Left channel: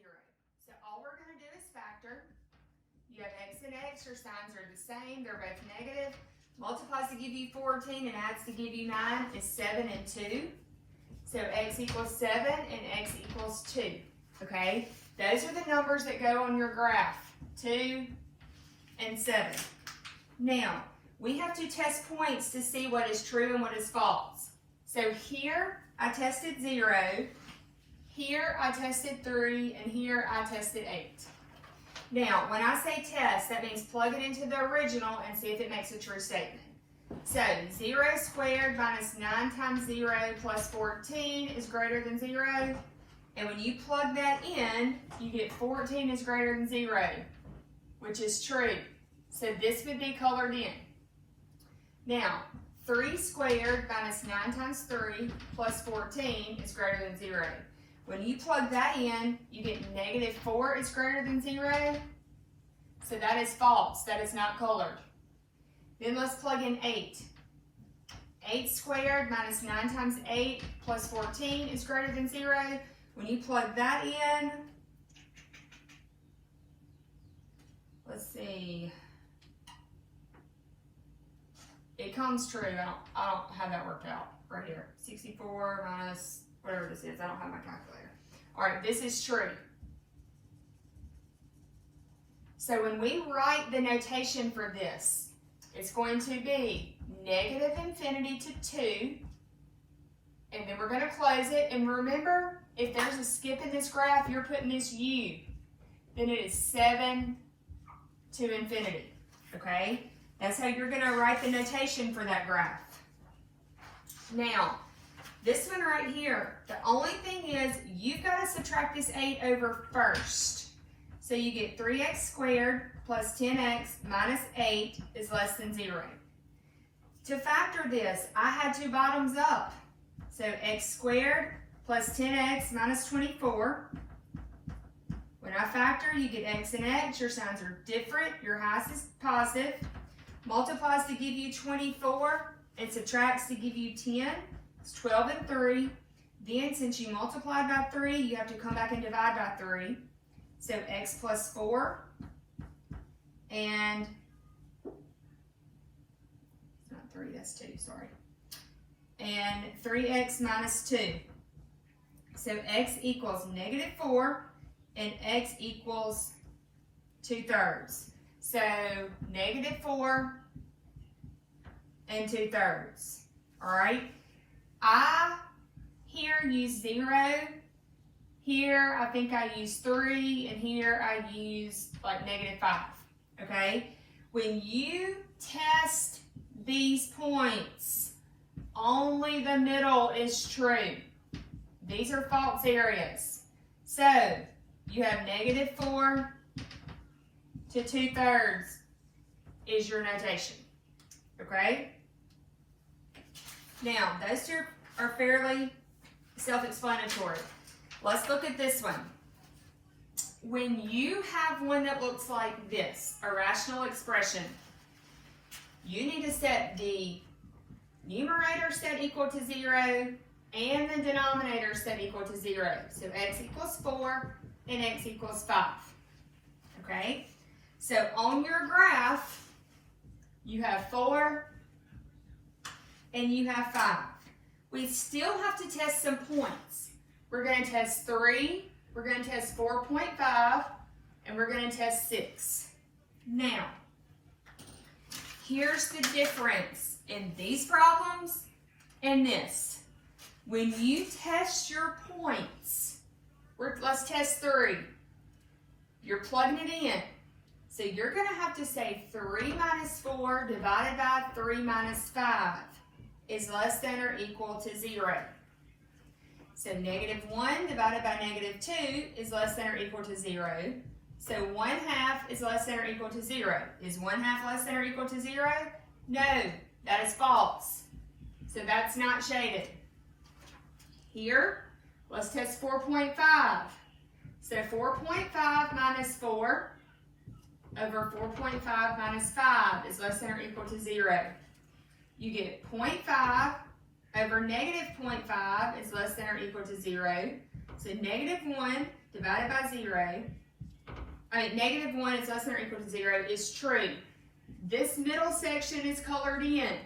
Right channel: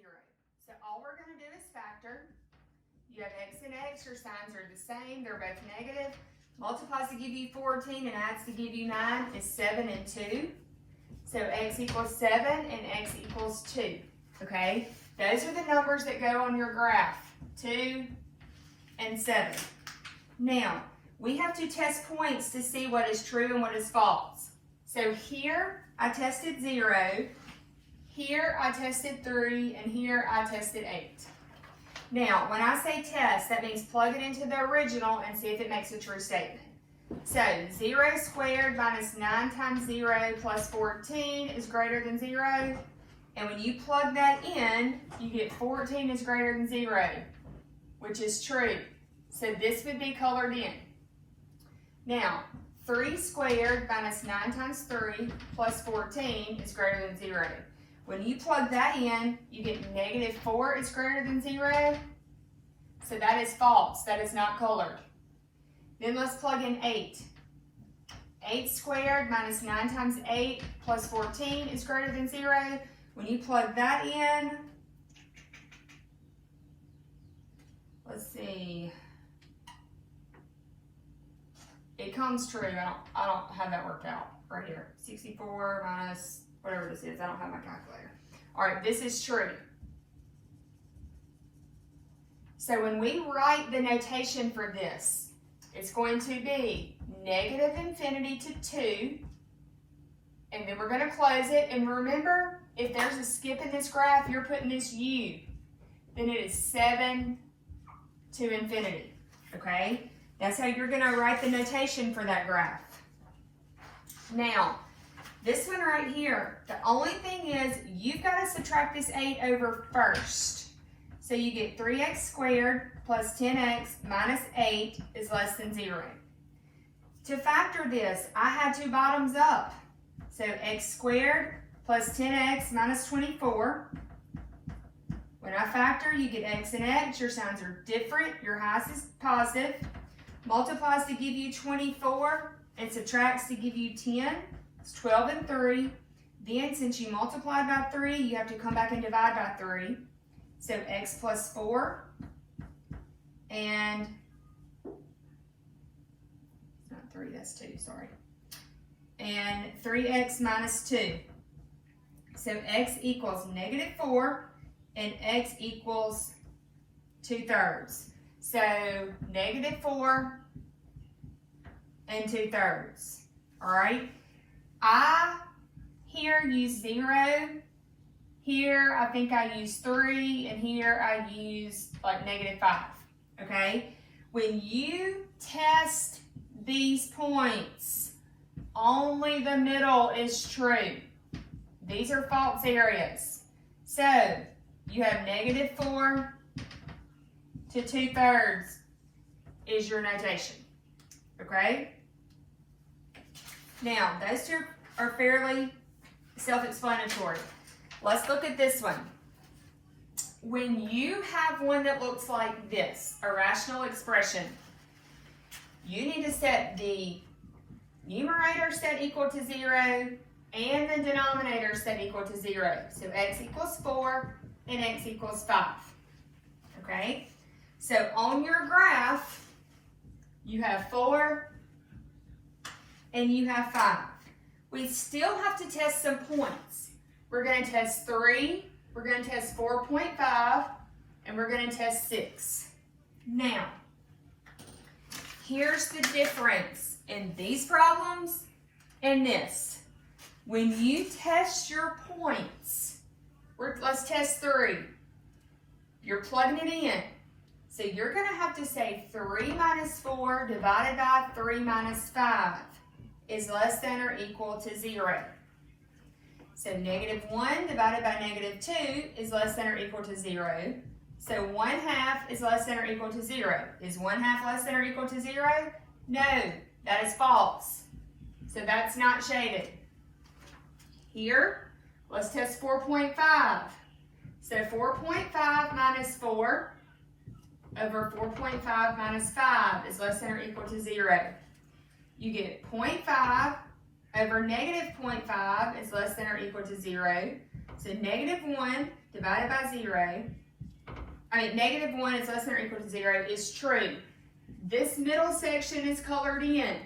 0. So all we're going to do is factor. You have x and x, your signs are the same, they're both negative. Multiplies to give you 14 and adds to give you 9 is 7 and 2. So x equals 7 and x equals 2. Okay? Those are the numbers that go on your graph, 2 and 7. Now, we have to test points to see what is true and what is false. So here I tested 0, here I tested 3, and here I tested 8. Now, when I say test, that means plug it into the original and see if it makes a true statement. So, 0 squared minus 9 times 0 plus 14 is greater than 0. And when you plug that in, you get 14 is greater than 0, which is true. So this would be colored in. Now, 3 squared minus 9 times 3 plus 14 is greater than 0. When you plug that in, you get negative 4 is greater than 0. So that is false. That is not colored. Then let's plug in 8. 8 squared minus 9 times 8 plus 14 is greater than 0. When you plug that in, let's see, it comes true. I don't have that worked out right here. 64 minus whatever this is. I don't have my calculator. All right, this is true. So when we write the notation for this, it's going to be negative infinity to 2, and then we're going to close it. And remember, if there's a skip in this graph, you're putting this u. Then it is 7 to infinity, okay? That's how you're going to write the notation for that graph. Now, this one right here, the only thing is you've got to subtract this 8 over first. So you get 3x squared plus 10x minus 8 is less than 0. To factor this, I had to bottoms up. So x squared plus 10x minus 24. When I factor, you get x and x. Your signs are different. Your highest is positive. Multiplies to give you 24 and subtracts to give you 10. It's 12 and 3. Then, since you multiplied by 3, you have to come back and divide by 3. So x plus 4 and, it's not 3, that's 2, sorry. And 3x minus 2. So x equals negative 4 and x equals 2/3. So negative 4 and 2/3. All right. I here use 0. Here I think I use 3, and here I use like negative 5. Okay. When you test these points, only the middle is true. These are false areas. So you have negative 4 to 2/3 is your notation. Okay? Now, those two are fairly self-explanatory. Let's look at this one. When you have one that looks like this, a rational expression, you need to set the numerator set equal to 0 and the denominator set equal to 0. So x equals 4 and x equals 5. Okay? So on your graph, you have 4 and you have 5. We still have to test some points. We're going to test 3, we're going to test 4.5, and we're going to test 6. Now, here's the difference in these problems and this. When you test your points, let's test 3. You're plugging it in. So you're going to have to say 3 minus 4 divided by 3 minus 5 is less than or equal to 0. So negative 1 divided by negative 2 is less than or equal to 0. So 1/2 is less than or equal to 0. Is 1/2 less than or equal to 0? No, that is false. So that's not shaded. Here, let's test 4.5. So 4.5 minus 4 over 4.5 minus 5 is less than or equal to 0. You get 0.5 over negative 0.5 is less than or equal to 0. So negative 1 divided by 0, negative 1 is less than or equal to 0 is true. This middle section is colored in.